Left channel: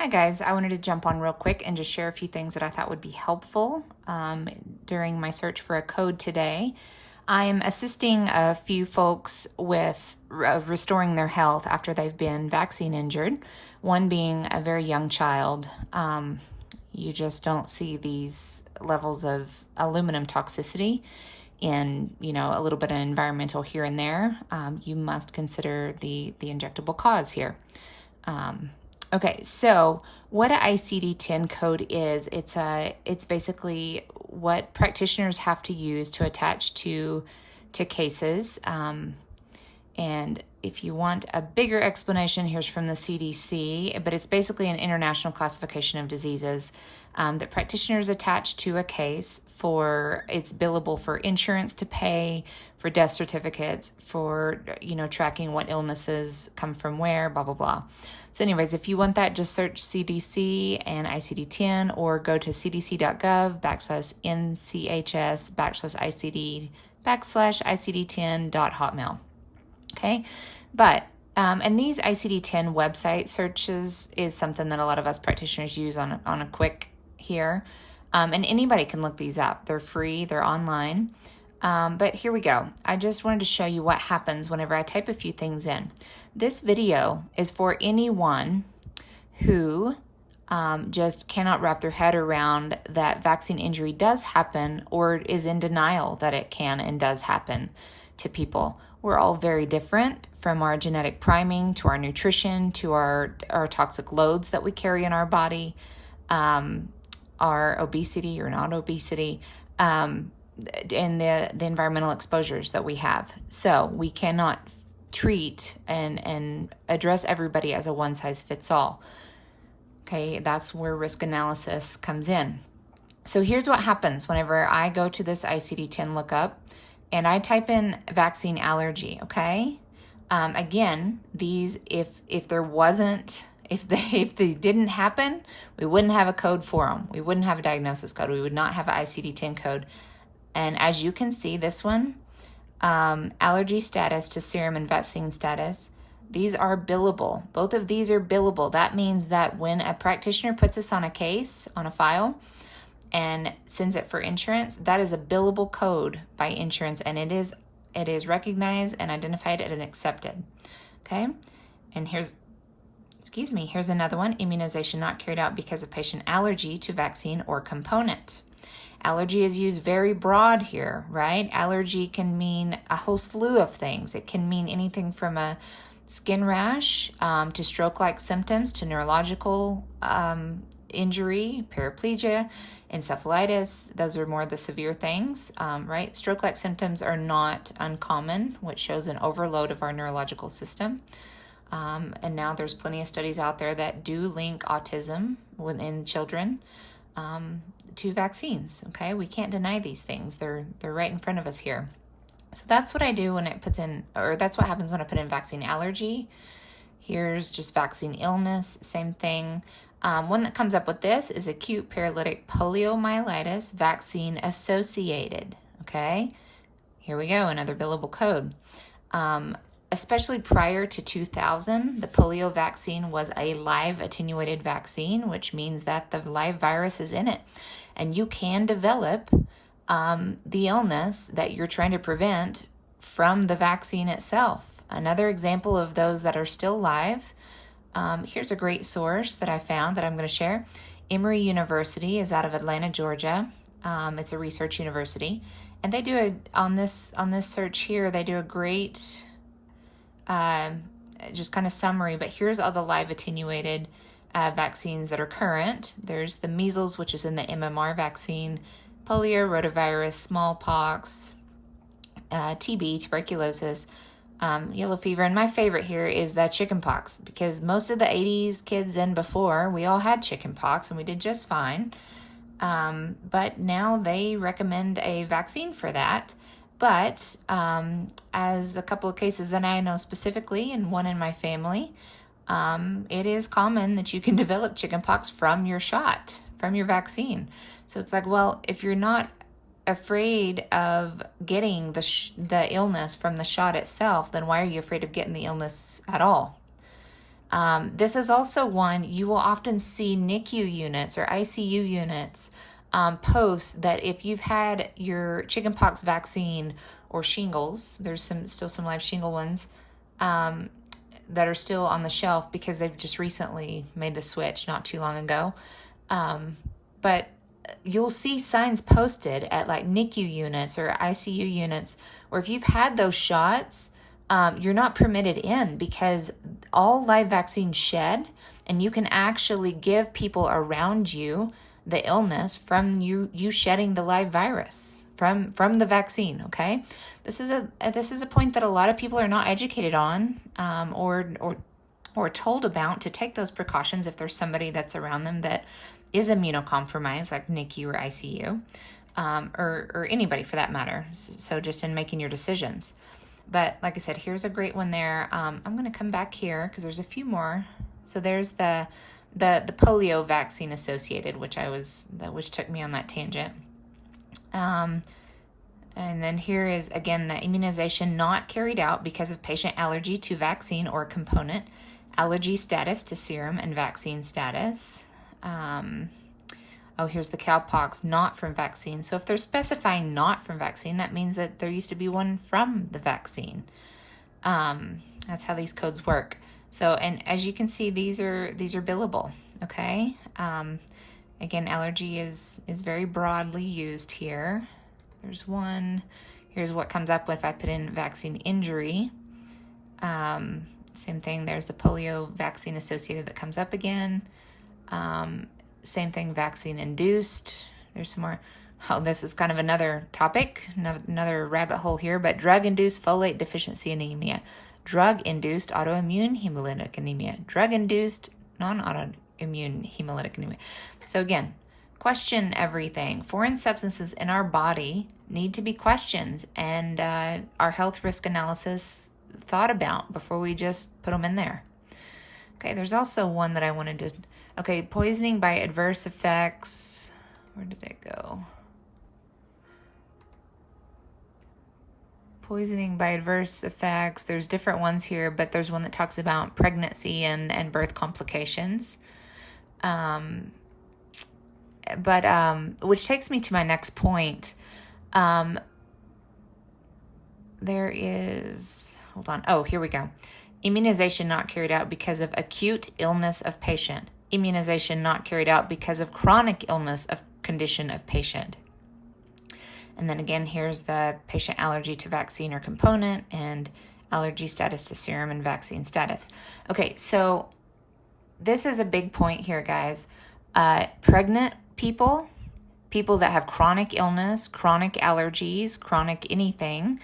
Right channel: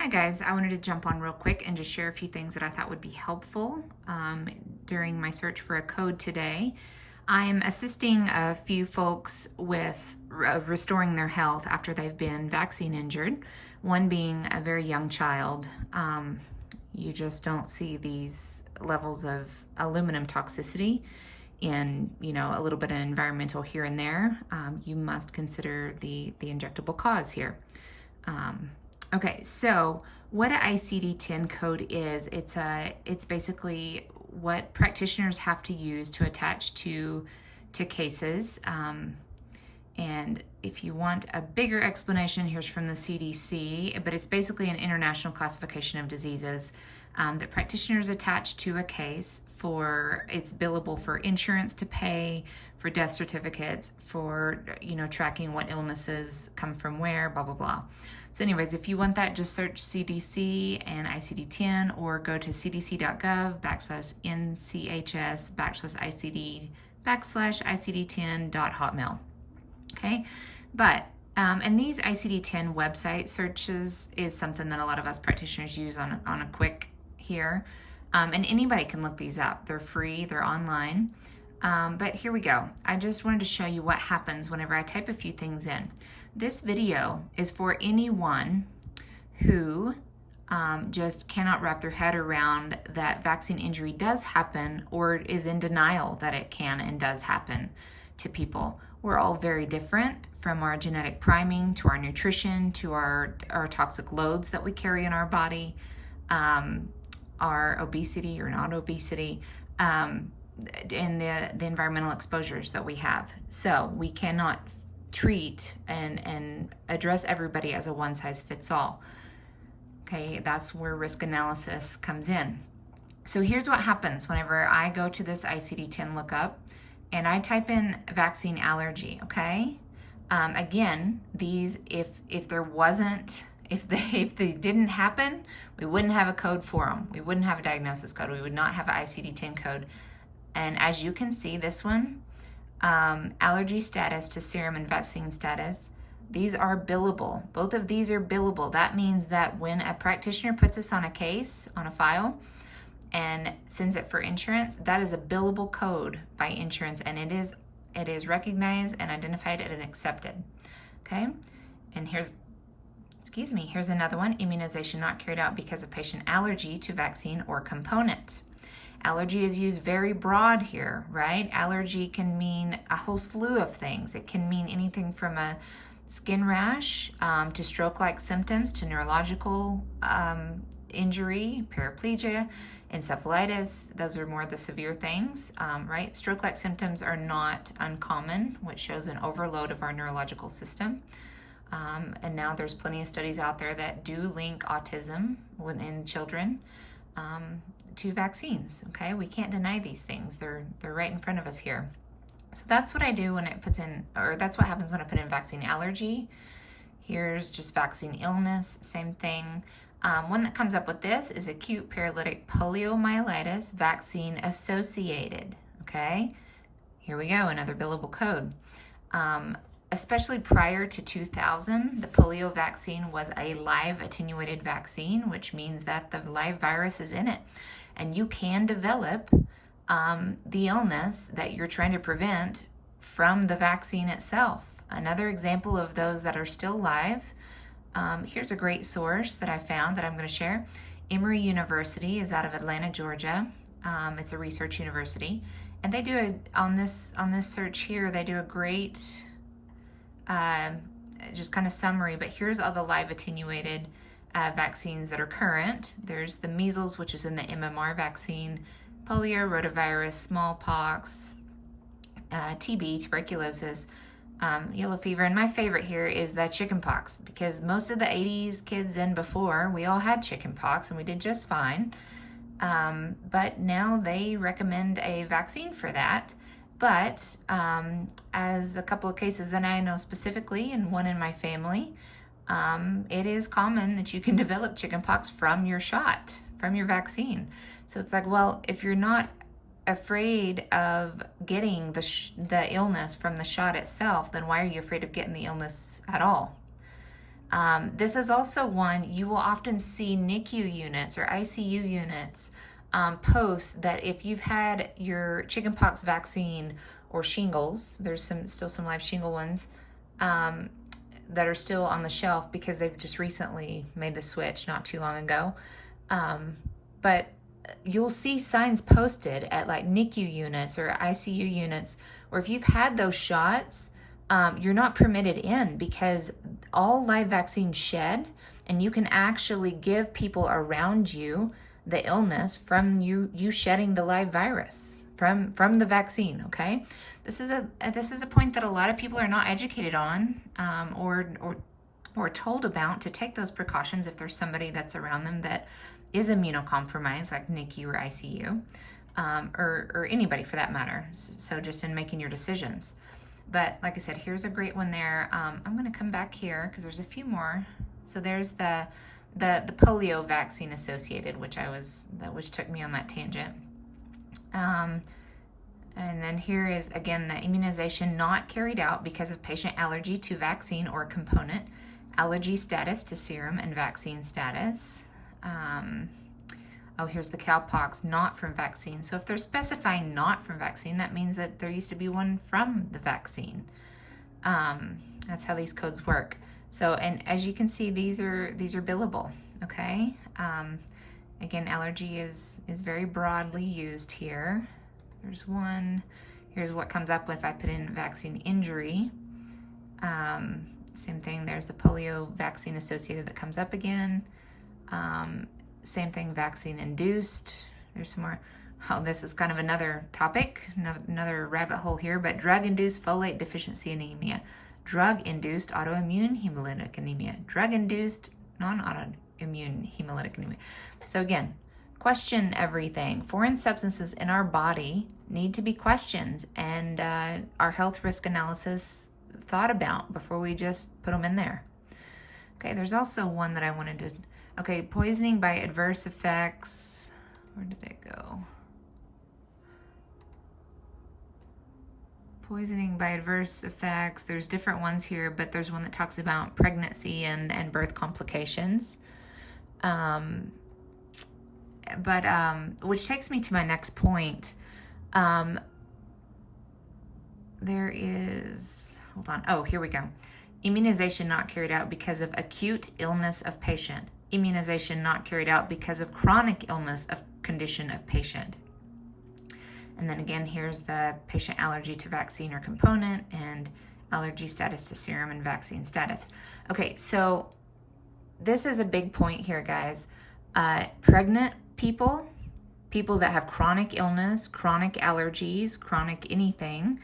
Hi guys, I wanted to jump on real quick and just share a few things that I thought would be helpful during my search for a code today. I'm assisting a few folks with restoring their health after they've been vaccine injured, one being a very young child. You just don't see these levels of aluminum toxicity in, a little bit of environmental here and there. You must consider the injectable cause here. Okay, so what an ICD-10 code is, it's basically what practitioners have to use to attach to cases. And if you want a bigger explanation, here's from the CDC, but it's basically an international classification of diseases that practitioners attach to a case for. It's billable for insurance to pay, for death certificates, for, tracking what illnesses come from where, blah, blah, blah. So anyways, if you want that, just search CDC and ICD-10 or go to cdc.gov/NCHS/ICD/ICD10.hotmail. Okay, but and these ICD-10 website searches is something that a lot of us practitioners use on a quick here, and anybody can look these up. They're free, they're online. But here we go. I just wanted to show you what happens whenever I type a few things in. This video is for anyone who just cannot wrap their head around that vaccine injury does happen or is in denial that it can and does happen to people. We're all very different, from our genetic priming to our nutrition to our toxic loads that we carry in our body, our obesity or not obesity, and the environmental exposures that we have. So we cannot treat and address everybody as a one-size-fits-all. Okay, that's where risk analysis comes in. So here's what happens whenever I go to this ICD-10 lookup and I type in vaccine allergy. Okay, again, these if they didn't happen, we wouldn't have a code for them. We wouldn't have a diagnosis code. We would not have an ICD-10 code. And as you can see, this one, allergy status to serum and vaccine status, these are billable. Both of these are billable. That means that when a practitioner puts this on a case, on a file, and sends it for insurance, that is a billable code by insurance, and it is recognized and identified and accepted. Okay, and here's another one: immunization not carried out because of patient allergy to vaccine or component. Allergy is used very broad here, right? Allergy can mean a whole slew of things. It can mean anything from a skin rash to stroke-like symptoms to neurological injury, paraplegia, encephalitis. Those are more the severe things, right? Stroke-like symptoms are not uncommon, which shows an overload of our neurological system. And now there's plenty of studies out there that do link autism within children to vaccines. Okay, we can't deny these things. They're right in front of us here. So that's what I do when it puts in, or that's what happens when I put in vaccine allergy. Here's just vaccine illness, same thing. One that comes up with this is acute paralytic poliomyelitis vaccine associated. Okay, here we go, another billable code. Especially prior to 2000, the polio vaccine was a live attenuated vaccine, which means that the live virus is in it. And you can develop the illness that you're trying to prevent from the vaccine itself. Another example of those that are still live, here's a great source that I found that I'm going to share. Emory University is out of Atlanta, Georgia. It's a research university. And they do on this search here, they do a great just kind of summary, but here's all the live attenuated vaccines that are current. There's the measles, which is in the MMR vaccine, polio, rotavirus, smallpox, TB, tuberculosis, yellow fever, and my favorite here is the chickenpox, because most of the 80s kids and before, we all had chickenpox and we did just fine. But now they recommend a vaccine for that. But as a couple of cases that I know specifically, and one in my family, it is common that you can develop chickenpox from your shot, from your vaccine. So it's like, well, if you're not afraid of getting the illness from the shot itself, then why are you afraid of getting the illness at all? This is also one you will often see NICU units or ICU units post that if you've had your chickenpox vaccine or shingles, there's still some live shingle ones that are still on the shelf because they've just recently made the switch not too long ago. But you'll see signs posted at like NICU units or ICU units, or if you've had those shots, you're not permitted in because all live vaccines shed, and you can actually give people around you the illness from you shedding the live virus from the vaccine. Okay, this is a point that a lot of people are not educated on, or told about, to take those precautions if there's somebody that's around them that is immunocompromised, like NICU or ICU, or anybody for that matter. So just in making your decisions. But like I said, here's a great one there. I'm going to come back here because there's a few more. So there's the polio vaccine associated, which took me on that tangent. And then here is, again, the immunization not carried out because of patient allergy to vaccine or component, allergy status to serum and vaccine status. Here's the cowpox not from vaccine. So if they're specifying not from vaccine, that means that there used to be one from the vaccine. That's how these codes work. So, and as you can see, these are billable. Okay. Again, allergy is very broadly used here. There's one. Here's what comes up if I put in vaccine injury. Same thing. There's the polio vaccine associated that comes up again. Same thing, vaccine induced. There's some more. Oh, this is kind of another topic, another rabbit hole here, but drug-induced folate deficiency anemia, drug-induced autoimmune hemolytic anemia, drug-induced non-autoimmune hemolytic anemia. So again, question everything. Foreign substances in our body need to be questioned and our health risk analysis thought about before we just put them in there. Okay, there's also one that I wanted to... Okay, poisoning by adverse effects. Where did it go? Poisoning by adverse effects. There's different ones here, but there's one that talks about pregnancy and birth complications. Which takes me to my next point. There is... Hold on. Oh, here we go. Immunization not carried out because of acute illness of patient. Immunization not carried out because of chronic illness of condition of patient. And then again, here's the patient allergy to vaccine or component and allergy status to serum and vaccine status. Okay, so this is a big point here, guys. Pregnant people that have chronic illness, chronic allergies, chronic anything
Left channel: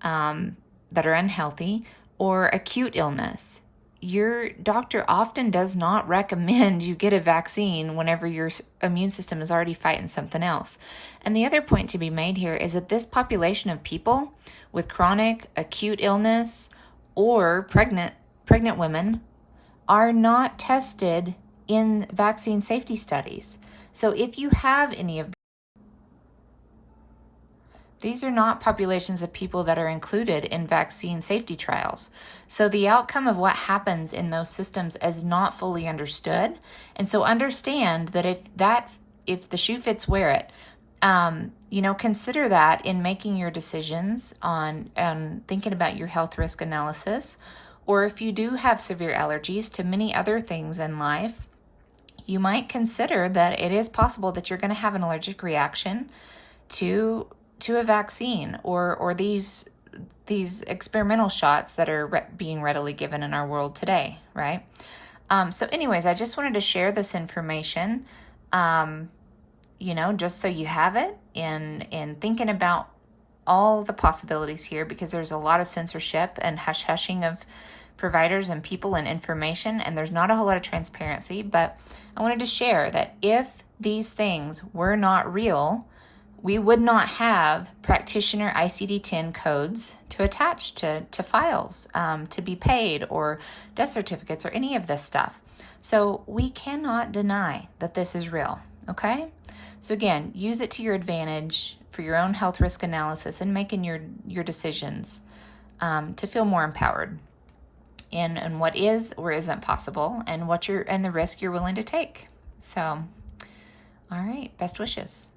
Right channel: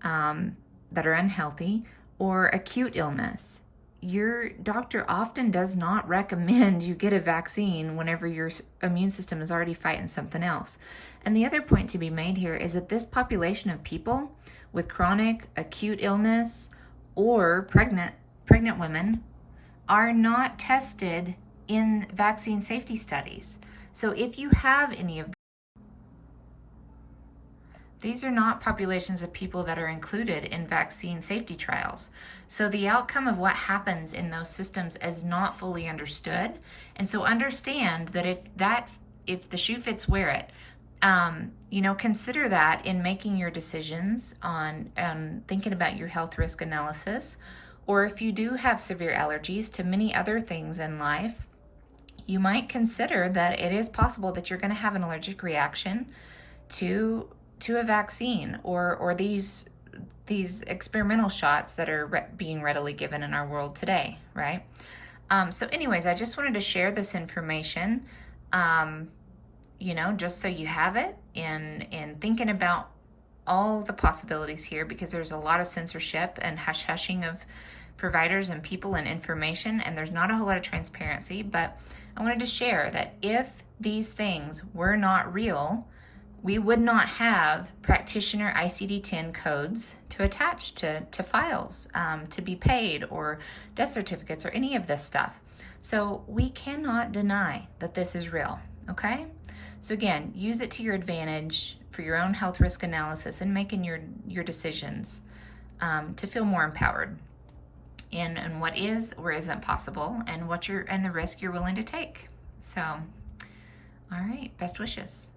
that are unhealthy, or acute illness. Your doctor often does not recommend you get a vaccine whenever your immune system is already fighting something else. And the other point to be made here is that this population of people with chronic acute illness or pregnant women are not tested in vaccine safety studies. So if you have any of these are not populations of people that are included in vaccine safety trials. So the outcome of what happens in those systems is not fully understood. And so understand that if the shoe fits, wear it. Consider that in making your decisions on thinking about your health risk analysis, or if you do have severe allergies to many other things in life, you might consider that it is possible that you're going to have an allergic reaction to a vaccine or these experimental shots that are being readily given in our world today, right? So anyways, I just wanted to share this information, just so you have it in thinking about all the possibilities here, because there's a lot of censorship and hush-hushing of providers and people and information, and there's not a whole lot of transparency. But I wanted to share that if these things were not real, we would not have practitioner ICD-10 codes to attach to files, to be paid, or death certificates, or any of this stuff. So we cannot deny that this is real, okay? So again, use it to your advantage for your own health risk analysis and making your decisions to feel more empowered. and what is or isn't possible, and the risk you're willing to take. So, all right, best wishes.